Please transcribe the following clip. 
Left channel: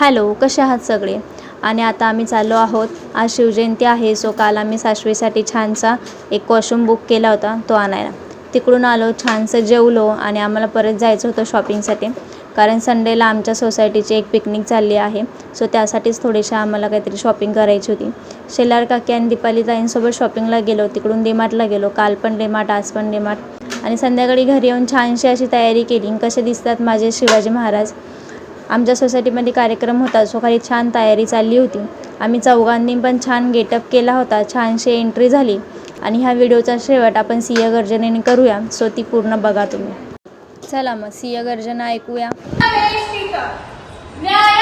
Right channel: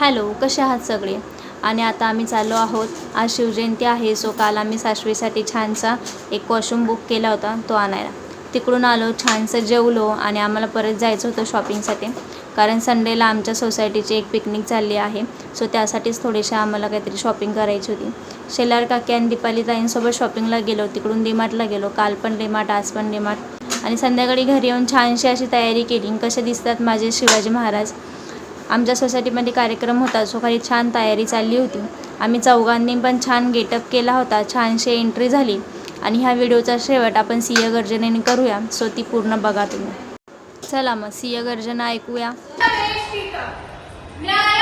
Hello, कसे आहात सगळे? आणि आता आम्ही चाललो आहोत. आज शिवजयंती आहे, सो काल आम्ही सासवीसाठी छानसा एक कॉस्ट्यूम बुक केला होता तो आणायला. तिकडून आलो, छानसं जेवलो आणि आम्हाला परत जायचं होतं शॉपिंगसाठी. कारण संडेला आमच्या सोसायटीची एक पिकनिक चालली आहे, सो त्यासाठीच थोडीशी आम्हाला काहीतरी शॉपिंग करायची होती. शेलार काकी आणि दीपाली ताईंसोबत शॉपिंगला गेलो. तिकडून डीमार्टला गेलो. काल पण डीमार्ट, आज पण डीमार्ट. आणि संध्याकाळी घरी येऊन छानशी अशी तयारी केली. कसे दिसतात माझे शिवाजी महाराज? आमच्या सोसायटीमध्ये कार्यक्रम होता, सो काही छान तयारी चालली होती. आम्ही चौघांनी पण छान गेटअप केला होता. छानशी एंट्री झाली. आणि ह्या व्हिडिओचा शेवट आपण सिंहगर्जनेने करूया, सो ती पूर्ण बघा तुम्ही. चला मग सिंहगर्जना ऐकूया. न्याय